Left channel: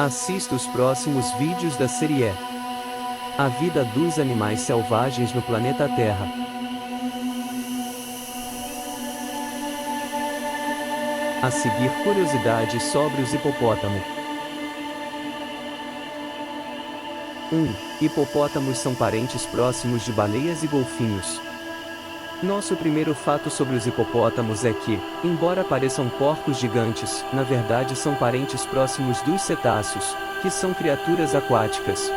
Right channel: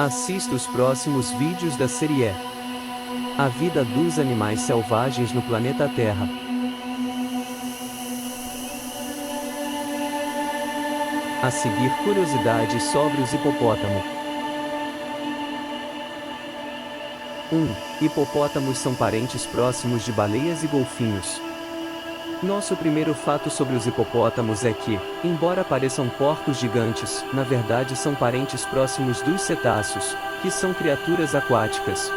Assista os próximos vídeos da série A Vida dos Animais Selvagens no Planeta Terra. A seguir, curiosidades sobre os hipopótamos. 1. Hipopótamos são parentes próximos de baleias e golfinhos. Nosso primeiro fato sobre os hipopótamos é que, embora pareçam porcos gigantes, na verdade são parentes próximos dos cetáceos, que são criaturas aquáticas.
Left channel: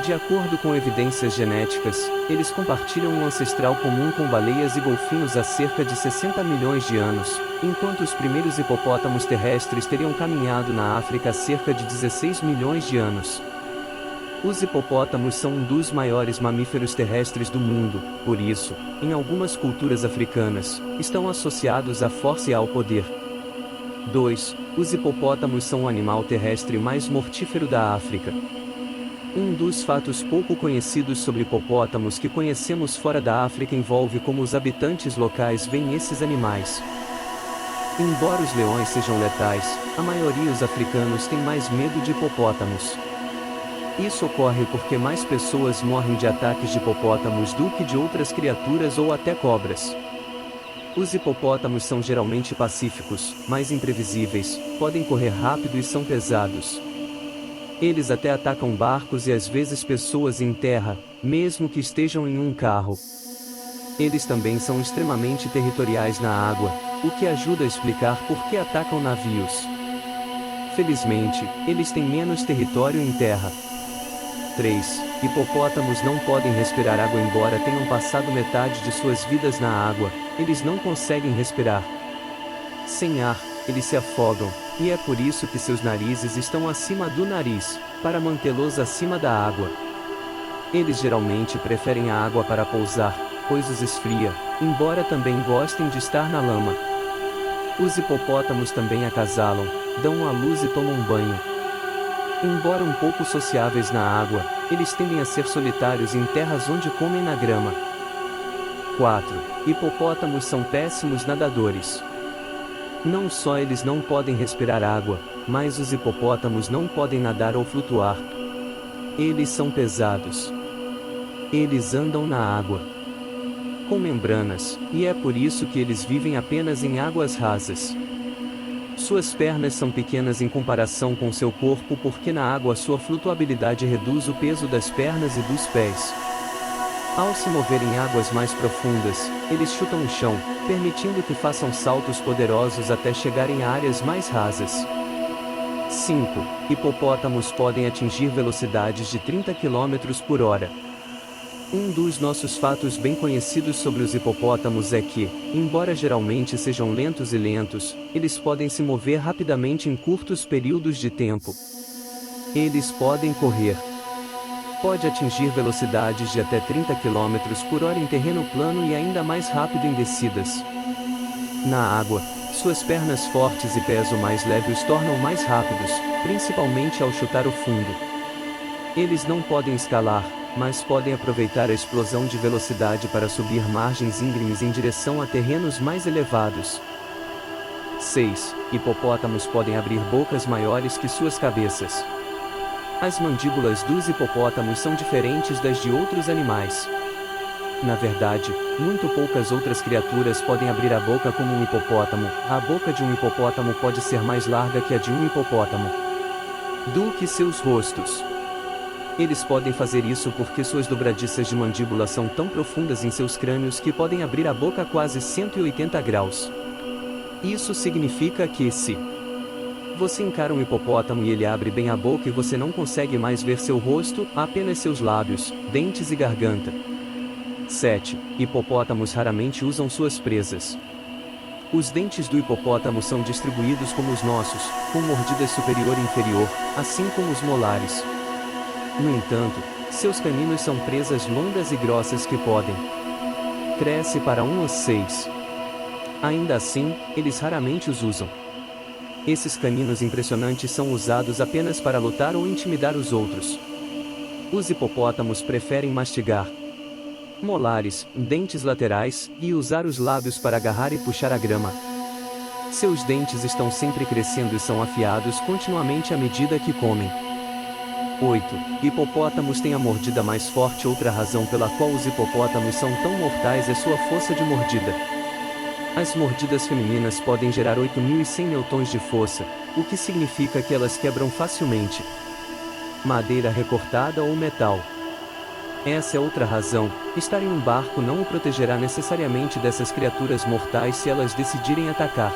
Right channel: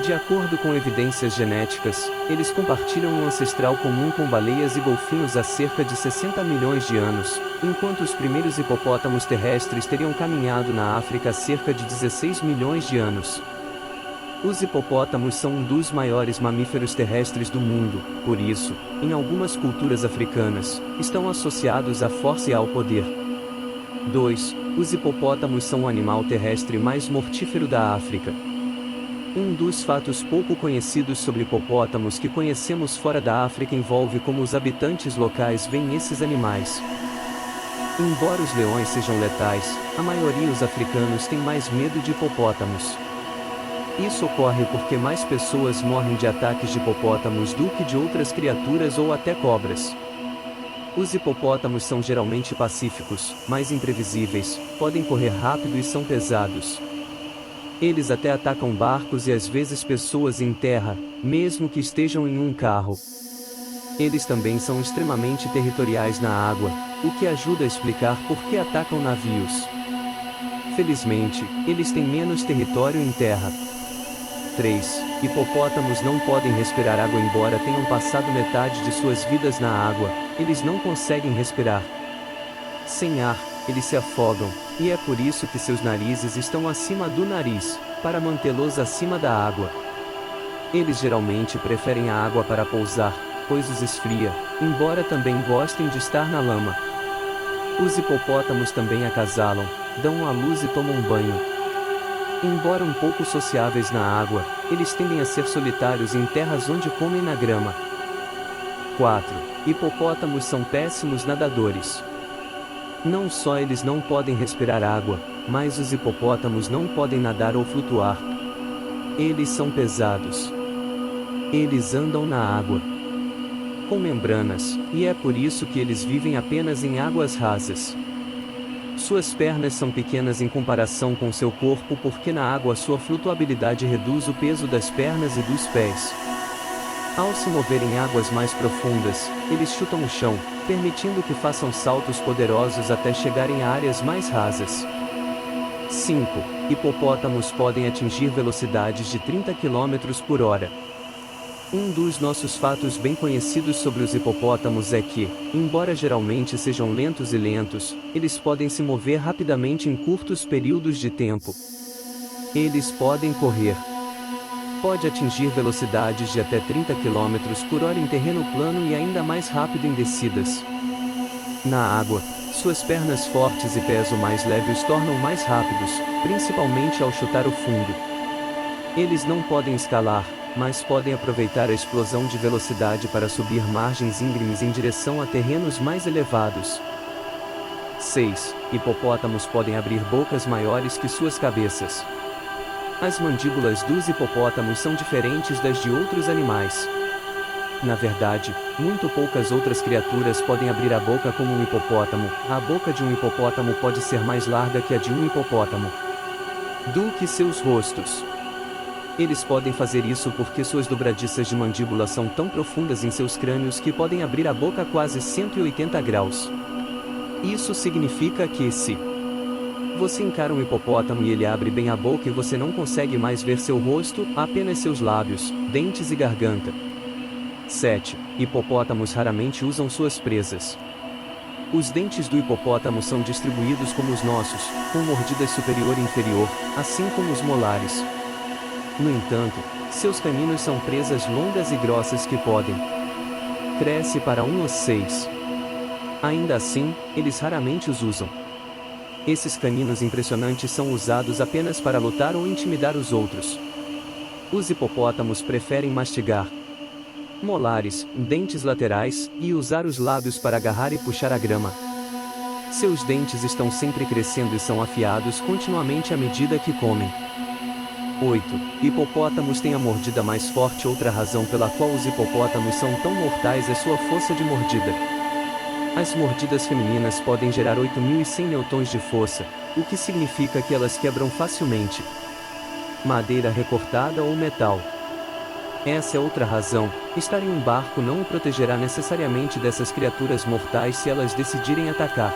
De acordo com evidências genéticas, eles compartilham um ancestral comum com baleias e golfinhos há cerca de 60 milhões de anos, enquanto os primeiros hipopótamos terrestres teriam caminhado na África há cerca de 16 milhões de anos. Os hipopótamos são um dos maiores mamíferos terrestres do mundo, por isso, em algumas culturas africanas, estão associados à força e ao poder. 2. Os hipopótamos são o animal terrestre mais mortífero da África. Um dos fatos pouco conhecidos sobre hipopótamos que conhecemos fora da África envolve como os habitantes locais veem esses animais. Embora os leões sejam letais, a maioria dos africanos tem mais medo de hipopótamos. Isso ocorre porque mais pessoas morrem de ataques de hipopótamos do que de outras criaturas ou até cobras. Os hipopótamos são geralmente pacíficos, mas imprevisíveis, podem correr rápido e são pesados. Eles até atacam barcos e às vezes pessoas em terra, mesmo que estejam em um carro. Eles também são extremamente territoriais na água, o que ajuda a explicar por que atacam navios. Felizmente, eles têm menos território em terra. 3. Hipopótamos não podem respirar água embora tenham passado metade de suas vidas na água, eles não conseguem respirar. Sem ar, eles se afogam, e é por isso que seus narizes estão acima do nariz, para mantê-los acima da água. Eles geralmente preferem a água para pousar, pois os esfria, embora também gostem de estar na lama. Os hipopótamos também acasalam, dão à luz e tomam banho. Embora um pouco sociáveis na água, eles tendem a ser solitários em terras onde comem na grama. 4. Hipopótamos são péssimos nadadores. Não só eles não podem respirar água, mas os hipopótamos não podem nadar ou flutuar. Eles são pesados. Eles andam na água com membranas, e é por isso que eles vivem apenas em águas rasas. Suas pernas são pequenas em comparação com seu corpo porque na água sua flutuabilidade reduz o peso das pernas e dos pés. Ao se mover em águas mais profundas, eles chutam o chão, permitindo que façam saltos poderosos até chegarem a áreas mais rasas. 5. Hipopótamos podem atingir velocidades de 30 km por hora. Um dos nossos fatos bem conhecidos sobre os hipopótamos é que, embora geralmente sejam lentos, eles podem se mover rapidamente em curtos períodos de tempo. Eles podem correr. Pode atingir velocidades de até 30 km por hora em terreno plano e ainda mais rápido em descidas. Na água, suas pernas fortes e peso mais leve os tornam mais rápidos, principalmente ao chutar o fundo. Eles não podem escalar, mas podem aproveitar a explosão de velocidade para subir margens íngremes em direção a terrenos mais elevados. 6. Hipopótamos podem abrir bocas maiores que suas cabeças. As mandíbulas dos hipopótamos são diferentes das de outros animais. Na verdade, muito poucas outras criaturas podem abrir a boca como um hipopótamo. A boca de um hipopótamo pode ser mais larga que a de um hipopótamo do que seus rostos. Eles podem fazer isso porque suas dobradiças de mandíbula são tão profundas em seus crânios que podem abrir a boca a quase 180 graus. Isso significa que se você encara um hipopótamo e ele abre bem a boca e você não consegue mais ver seu rosto, apenas seus lábios, dentes e garganta. 7. Hipopótamos raramente usam suas presas. Os dentes do hipopótamo são distribuídos como os nossos, com mordidas superior e inferior, assim como os molares. No entanto, seus caninos são presas longas e grossas que podem crescer para 1 a 6. Ainda assim, eles raramente os usam. Esses caninos impressionantes são usados apenas para lutar ou intimidar os outros. Os hipopótamos preferem mastigar molares, dentes laterais, e usar os lábios para agarrar e puxar a grama. Seus dentes estão sempre crescendo e são afiados continuamente à medida que comem. 8. Hipopótamos têm a mordida mais forte. Outra razão pela qual os hipopótamos são tão mortais é sua força de mordida. As mordidas femininas podem gerar 8.100 newtons de força, o que significa que elas quebram facilmente madeira recortada ou metal. Essa é outra razão: estar em um barco não o protegerá necessariamente dessas criaturas mortais se elas decidirem atacar.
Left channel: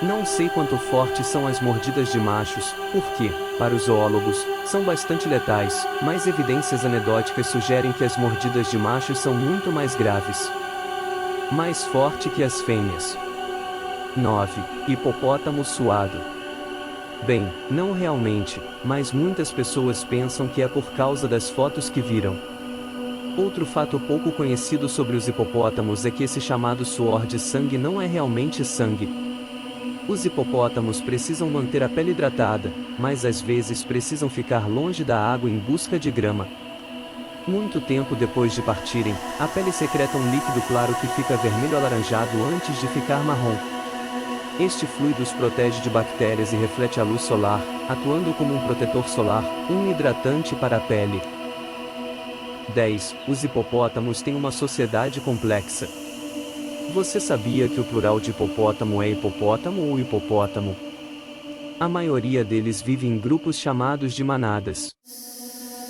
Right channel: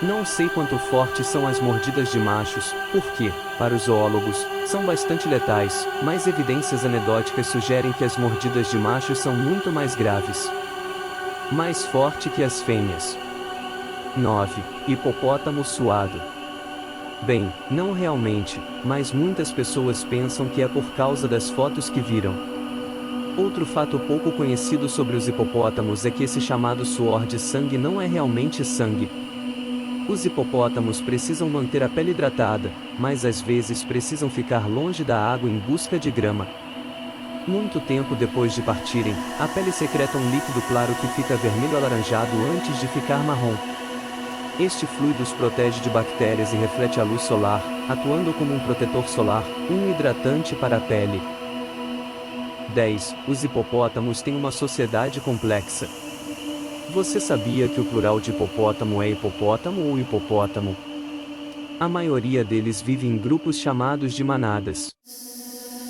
Não sei quanto fortes são as mordidas de machos, porque, para os zoólogos, são bastante letais, mas evidências anedóticas sugerem que as mordidas de machos são muito mais graves. Mais forte que as fêmeas. 9. Hipopótamo suado. Bem, não realmente, mas muitas pessoas pensam que é por causa das fotos que viram. Outro fato pouco conhecido sobre os hipopótamos é que esse chamado suor de sangue não é realmente sangue. Os hipopótamos precisam manter a pele hidratada, mas às vezes precisam ficar longe da água em busca de grama. Muito tempo depois de partirem, a pele secreta um líquido claro que fica vermelho-alaranjado antes de ficar marrom. Este fluido os protege de bactérias e reflete a luz solar, atuando como um protetor solar, um hidratante para a pele. 10. Os hipopótamos têm uma sociedade complexa. Você sabia que o plural de hipopótamo é hipopótamo ou hipopótamo? A maioria deles vive em grupos chamados de manadas.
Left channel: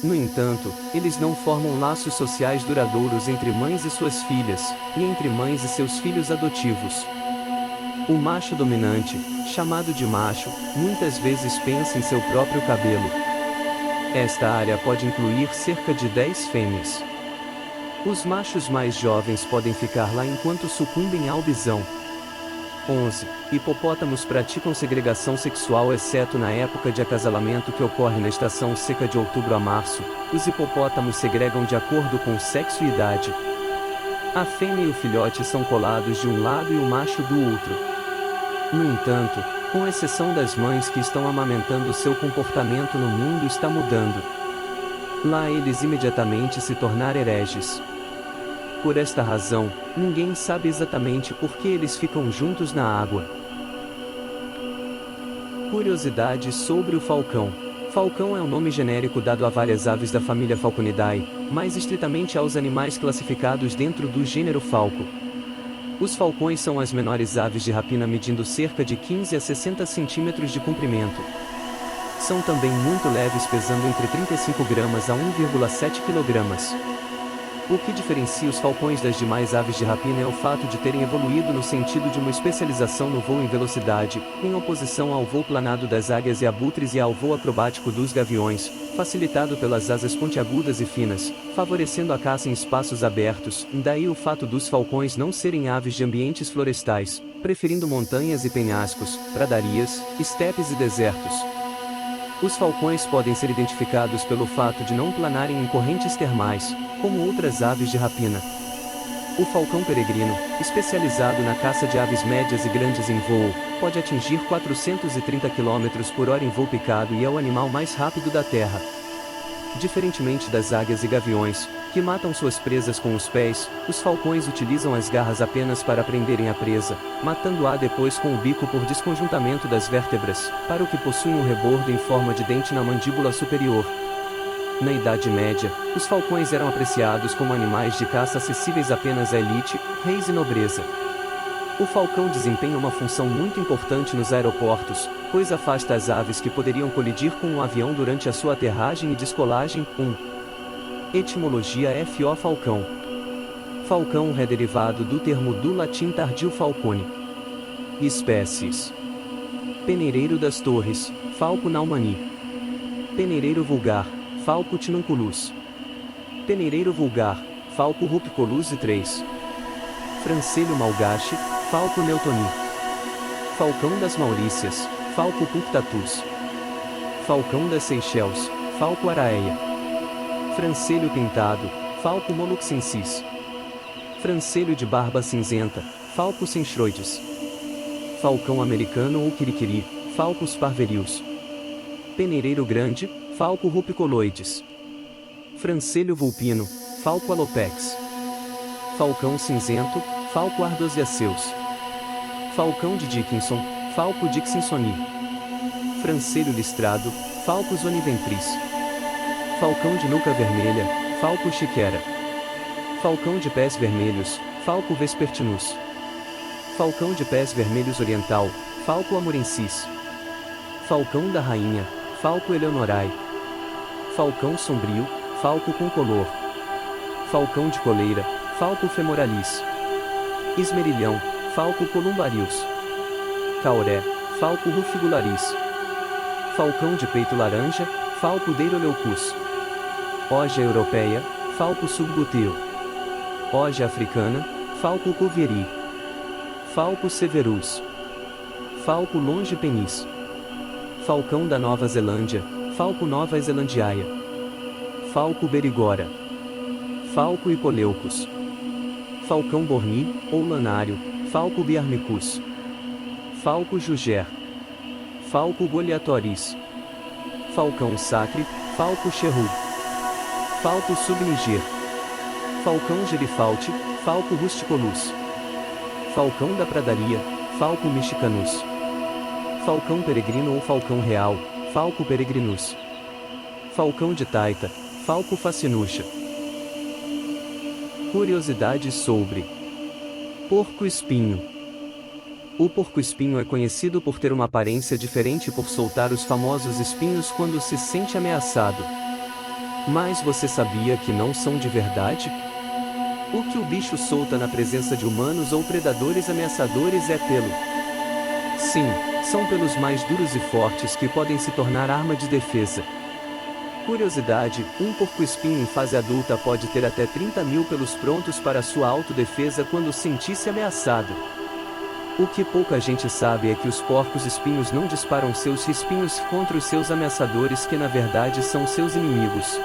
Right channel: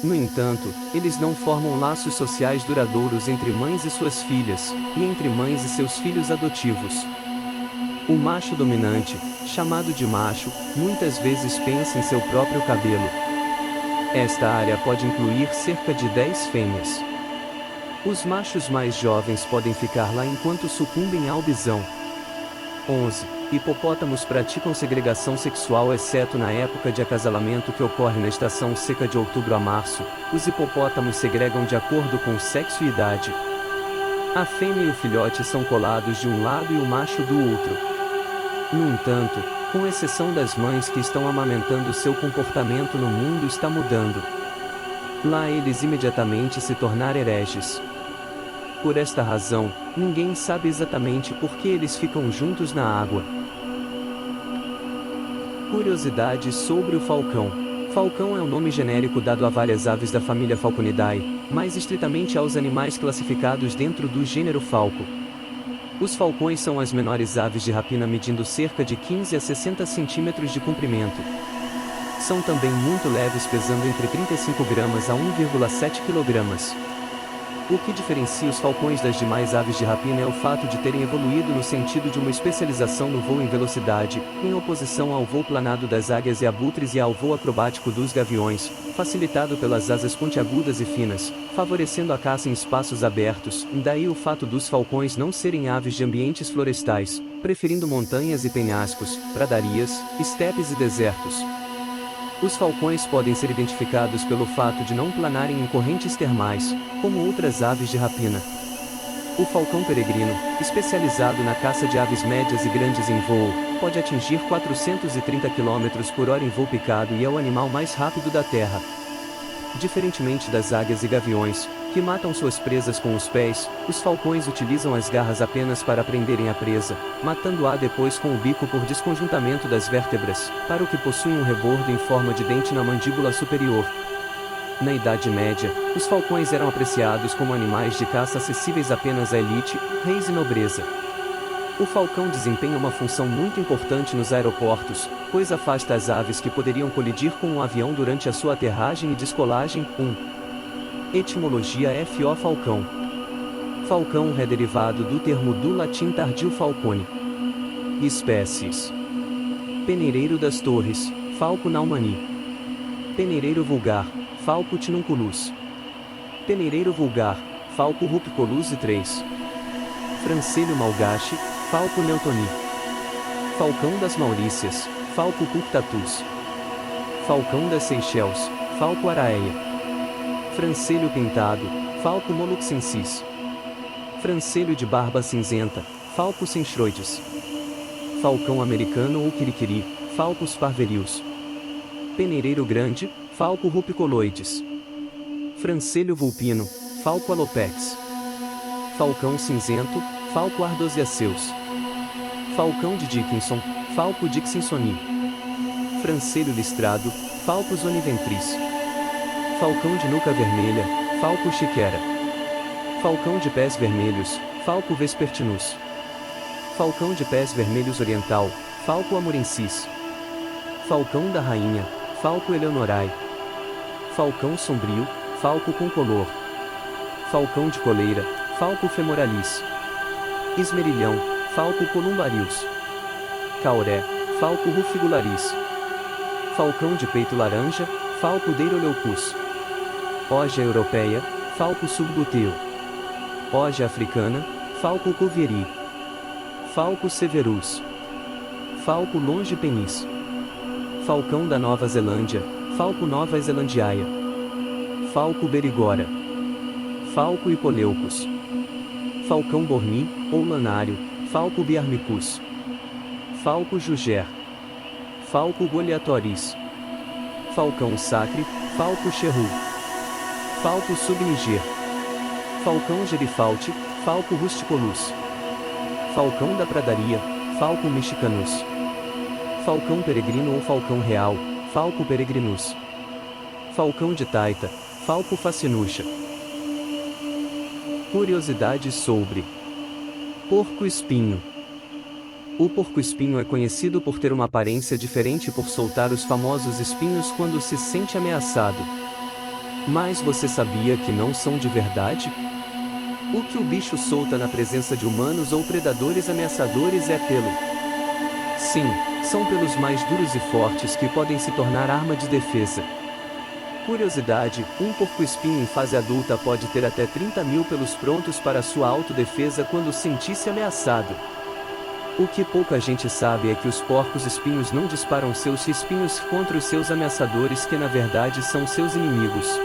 No entanto, eles não formam laços sociais duradouros entre mães e suas filhas, e entre mães e seus filhos adotivos. O macho dominante, chamado de macho, muitas vezes pensa em seu próprio cabelo. Esta área pode incluir cerca de 10 fêmeas. Os machos mais jovens podem ficar lá enquanto sucumbem ao bisão. 11. Hipopótamos praticam segregação sexual exceto na época de acasalamento que ocorre na estação seca de outubro a março. Os hipopótamos segregam de acordo com sexo e idade. A fêmea e o filhote são colados de um lado e o macho do outro. No entanto, com exceção das mães que estão amamentando, seu comportamento no mundo está mudando. Lá eles imediatamente se tornam hereges. Por esta razão, ninguém sabe exatamente por que eles ficam juntos na água. Curiosidades sobre o falcão. Falcão é um nome genérico dado a várias aves da família Falconidae, mais estritamente aos animais classificados dentro do gênero Falco. Os falcões são as menores aves de rapina, medindo cerca de 15 a 60 centímetros de comprimento. São também muito leves, pesando entre 35 gramas a 1,7 kg. O que diferencia os falcões das demais aves de rapina é o fato de terem evoluído no sentido de uma especialização no voo em velocidade, em oposição ao voo planado das águias e abutres e ao voo acrobático dos gaviões, facilitado pelas asas pontiagudas e finas, favorecendo a caça em espaços abertos. Daí o fato dos falcões não serem aves de ambientes florestais, preferindo montanhas e penhascos, pradarias, estepes e desertos. Os falcões podem ser identificados pelo fato de não planarem em correntes termais, como outras aves de rapina. O falcão peregrino, especializado na caça de aves médias e grandes em voo, pode atingir 430 km por hora em voo picado e é o animal mais rápido da Terra. Diferentemente das águias e gaviões, que matam suas presas com os pés, os falcões utilizam as garras apenas para prenderem a presa, matando-a depois com o bico por desconjuntamento das vértebras, para o que possuem um rebordo em forma de dente na mandíbula superior. Na Idade Média, os falcões eram apreciados como animais de caça acessíveis apenas à elite, reis e nobreza. O falcão desempenha uma função muito importante nos aeroportos, pois afasta as aves que poderiam colidir com um avião durante a sua aterragem e descolagem. 1. Etimologia FO falcão. Falcão é derivado do termo do latim tardio falcone. Espécies: peneireiro das torres, Falco naumani. Peneireiro vulgar, Falco tinunculus. Peneireiro vulgar, Falco rupicolus e 3. Francelho malgache, Falco neutoni. Falcão das Maurícias, Falco punctatus. Falcão das Seychelles, Falco araeia. Francelho pintado, Falco moluccensis. Francelho de barba cinzenta, Falco centroides. Falcão americano ou quiriquiri, Falcus parverius. Peneireiro grande, Falco rupicoloides. Francelho vulpino, Falco alopex. Falcão cinzento, Falco ardosiaceus. falcão de Dickinson, Falco dickinsoni. Francelho listrado, Falcus oniventris. Falcão de nuca vermelha, Falco chiquera. Falcão de pés vermelhos, Falco vespertinus. Falcão de pés vermelhos oriental, Falco amurensis. Falcão da rainha, Falco eleonorae. Falcão sombrio, Falco concolor. Falcão de coleira, Falco femoralis. Esmerilhão, Falco columbarius. Cauré, Falco rufigularis. Falcão de peito laranja, Falco deiroleucus. Oja europeia, Falco subguteo. Oja africana, Falco cuvieri. Falco severus. Falco longipenis. Falcão da Nova Zelândia, Falco nova zelandiaia. Falco berigora. Falco hipoleucus. Falcão borni, ou lanário, Falco biarmicus. Falco juger. Falco goliatoris. Falcão sacre, Falco cherru. Falco subniger. Falcão gerifalte, Falco rusticolus. Falcão da pradaria, Falco mexicanus. Falcão peregrino ou falcão real, Falco peregrinus. Falcão de taita, Falco facinucha. Curiosidades sobre porco-espinho. O porco-espinho é conhecido por ter uma aparência diferente e por soltar os famosos espinhos quando se sente ameaçado. Mas você sabia que não são de verdade? O que o bicho solta na presença de humanos ou predadores ameaçadores é pelo. Sim, são pelos mais duros e fortes que podem se tornar arma de defesa. Curiosidade, um porco-espinho em fase adulta pode ter até 30.000 pelos prontos para sua autodefesa quando sentir-se ameaçado. O que pouca gente sabe é que os porcos-espinhos não disparam seus espinhos contra os seus ameaçadores, que na verdade são seus inimigos.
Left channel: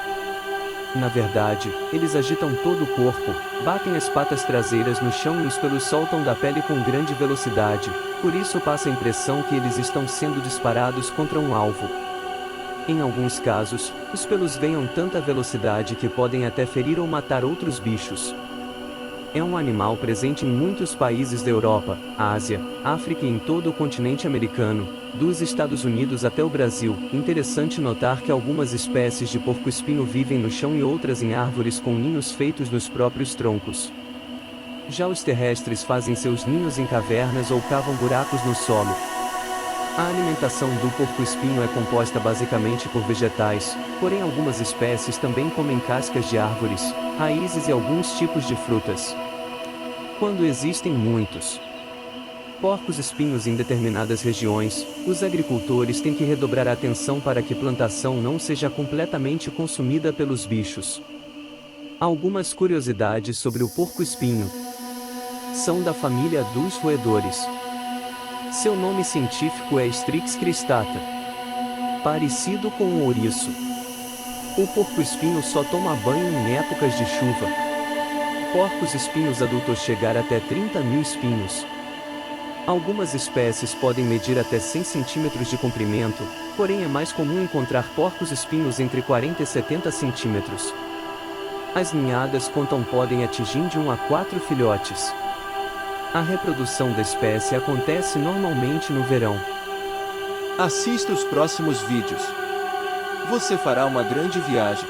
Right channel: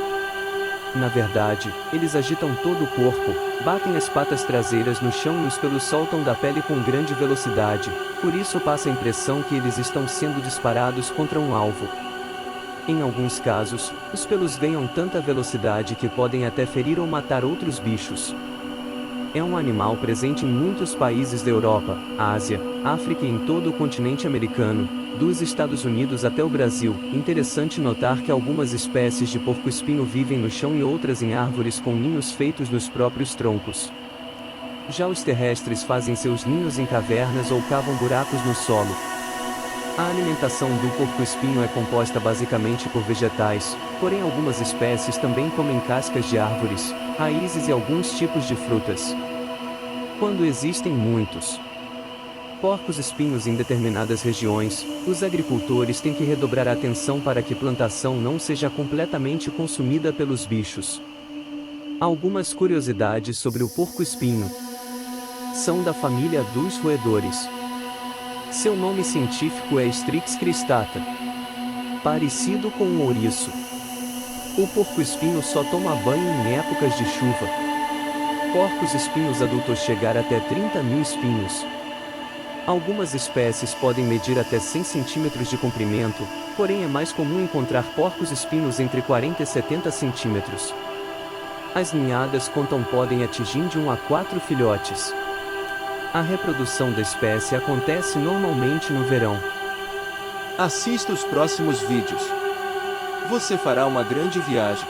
Na verdade, eles agitam todo o corpo, batem as patas traseiras no chão e os pelos soltam da pele com grande velocidade, por isso passa a impressão que eles estão sendo disparados contra um alvo. Em alguns casos, os pelos ganham tanta velocidade que podem até ferir ou matar outros bichos. É um animal presente em muitos países da Europa, Ásia, África e em todo o continente americano, dos Estados Unidos até o Brasil. Interessante notar que algumas espécies de porco-espinho vivem no chão e outras em árvores com ninhos feitos nos próprios troncos. Já os terrestres fazem seus ninhos em cavernas ou cavam buracos no solo. A alimentação do porco-espinho é composta basicamente por vegetais, porém algumas espécies também comem cascas de árvores, raízes e alguns tipos de frutas. Quando existem muitos porcos-espinhos em determinadas regiões, os agricultores têm que redobrar a atenção para que a plantação não seja completamente consumida pelos bichos. Algumas curiosidades sobre o porco-espinho. São da família dos roedores. Seu nome científico é Strix cristata. Parecido com um ouriço. O porco-espinho só toma banho em épocas de chuva. Porcos-espinhos adultos chegar até 30.000 espinhos. Algumas espécies podem medir até 100 centímetros de comprimento, porém é mais comum encontrar porcos-espinhos entre 40 e 70 centímetros. As ninhadas podem atingir de 1 a 4 filhotes. A reprodução da espécie acontece normalmente no verão. Assista os próximos vídeos. Você fará uma grande viagem.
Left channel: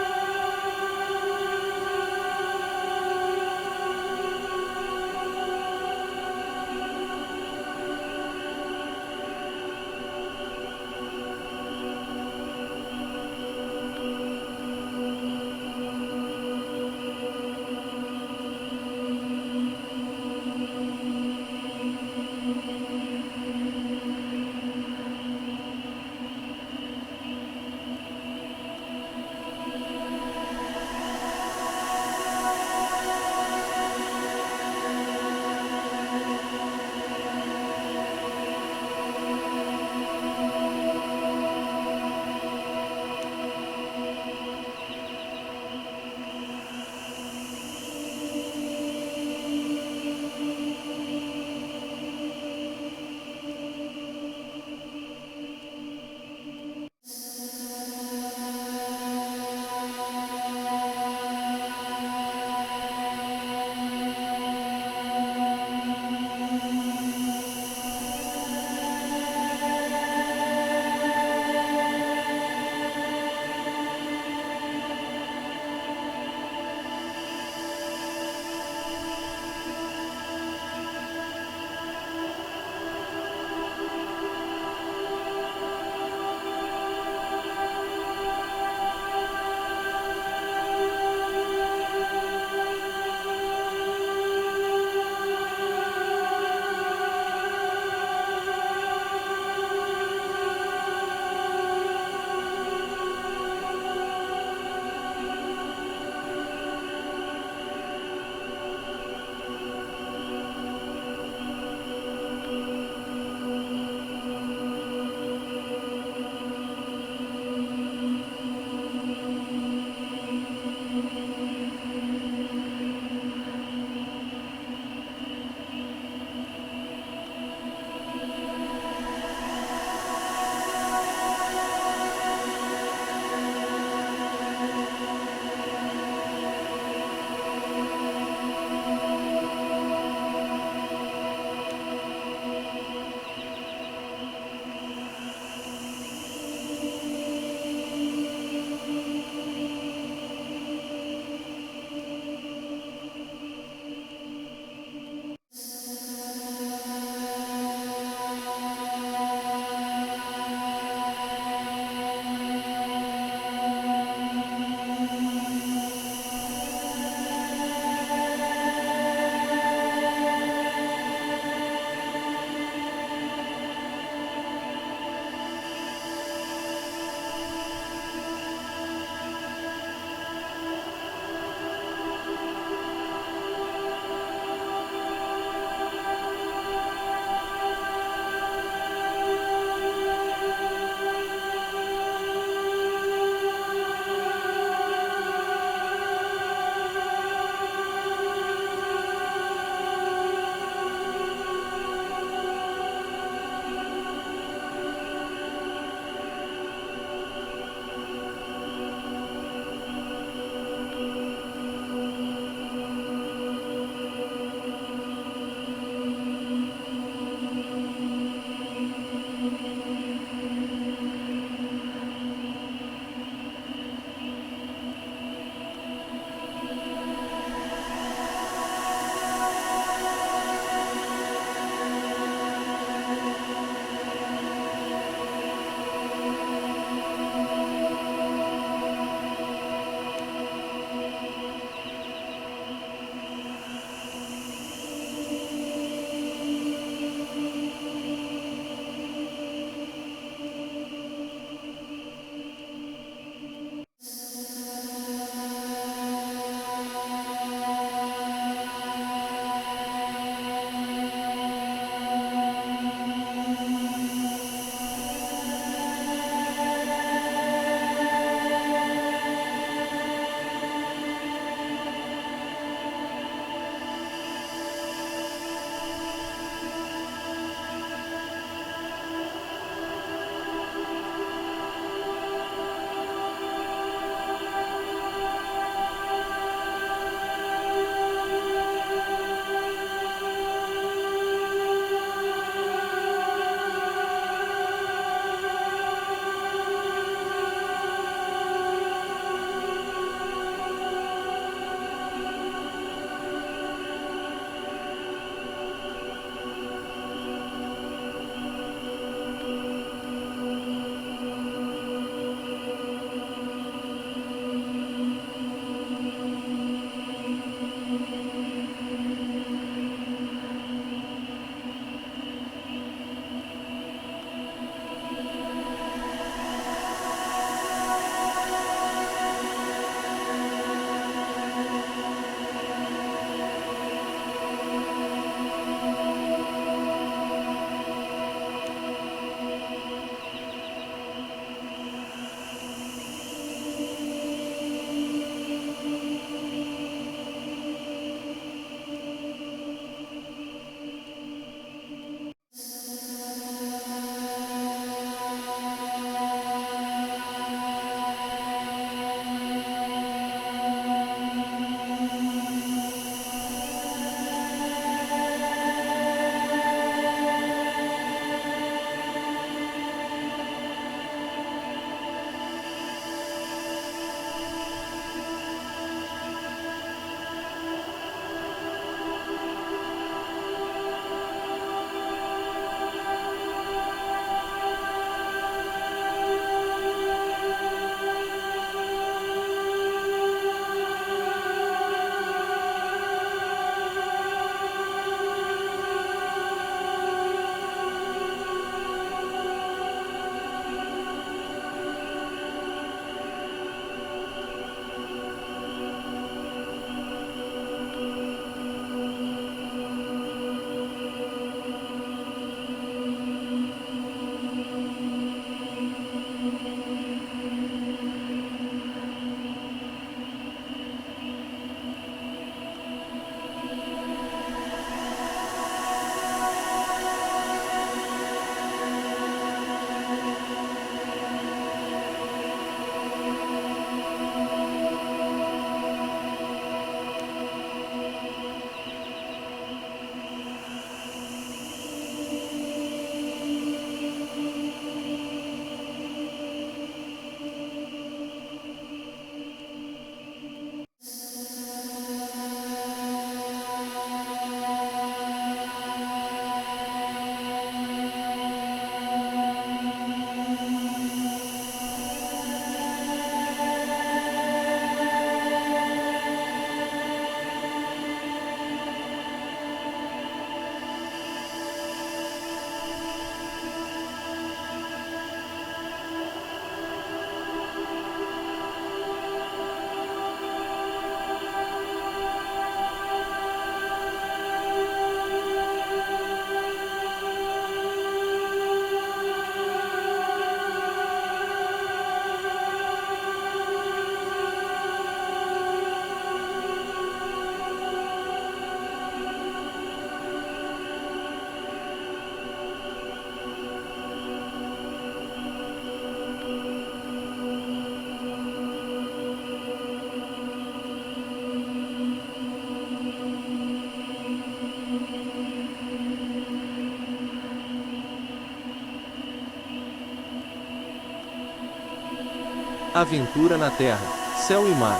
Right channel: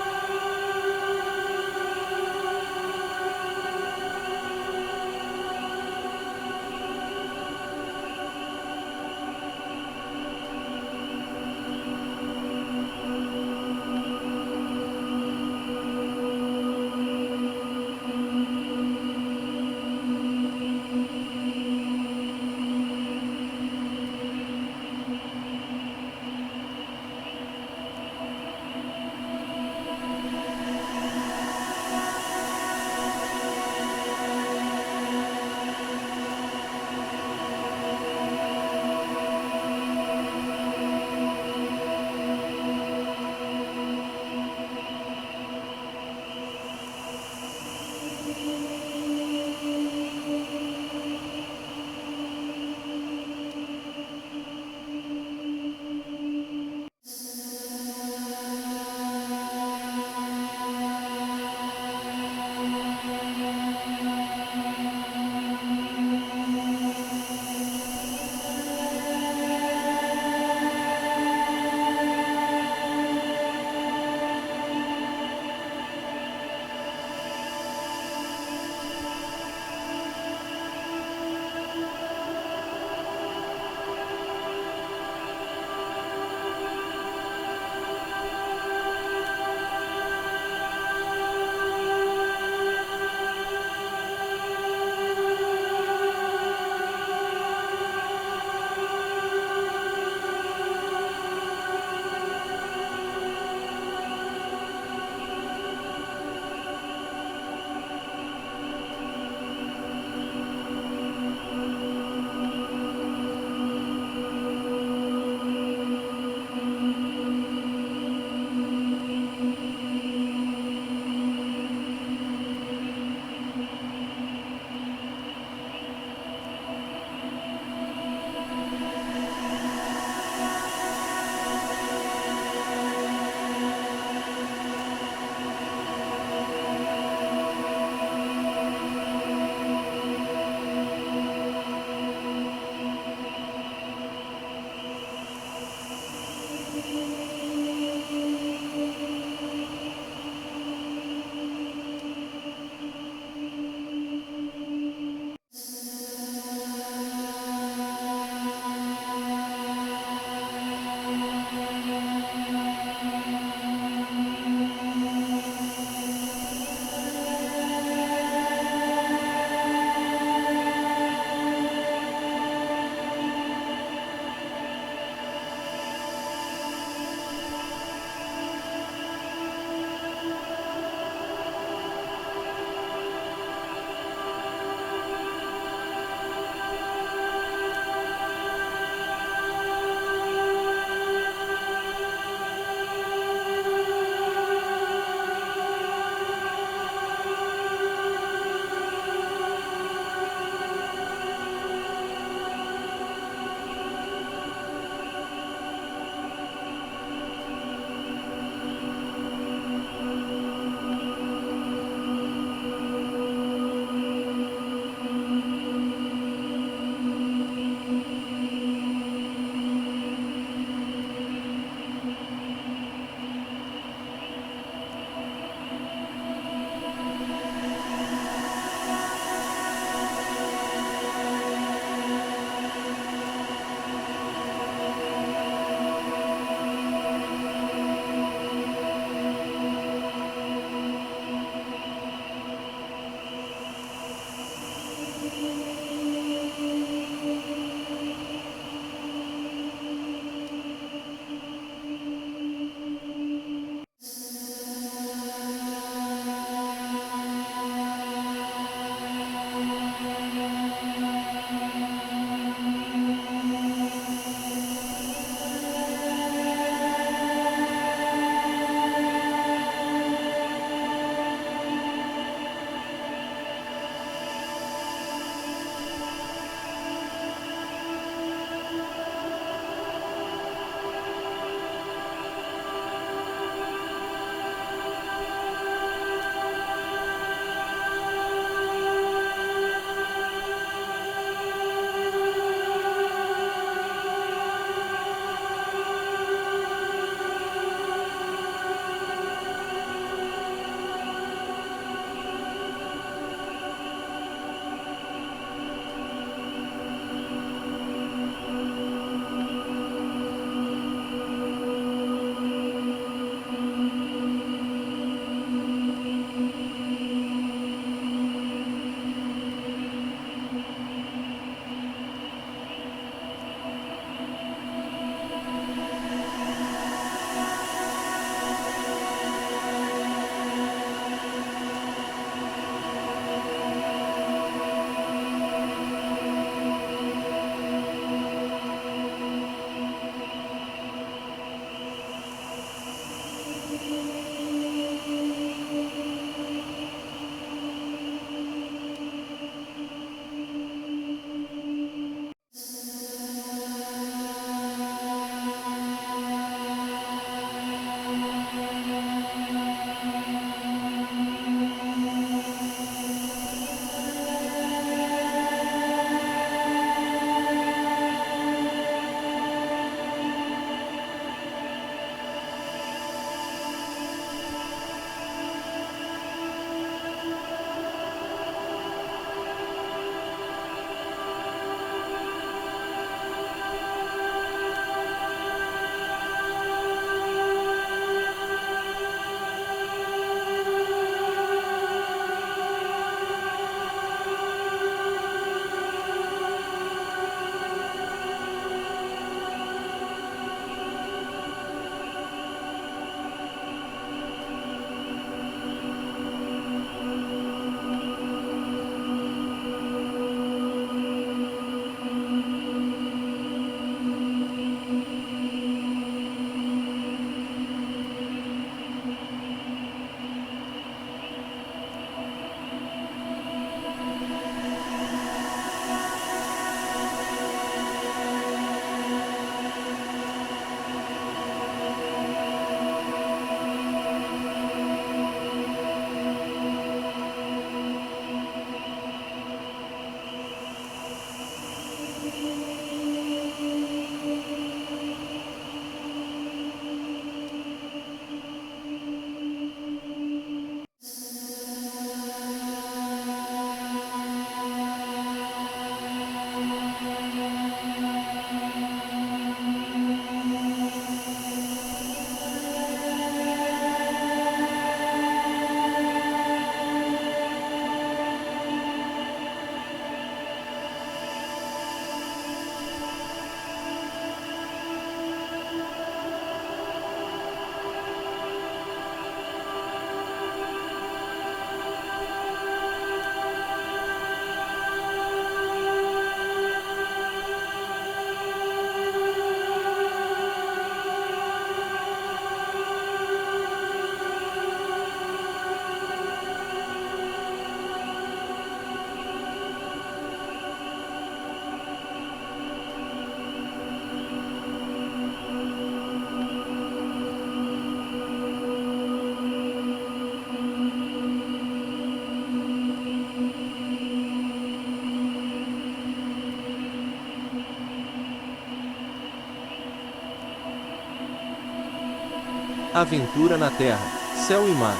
Aventura na terra, céu e mar.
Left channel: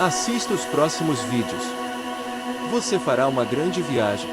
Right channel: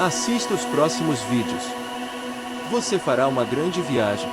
Assista os próximos vídeos. Você fará uma grande viagem.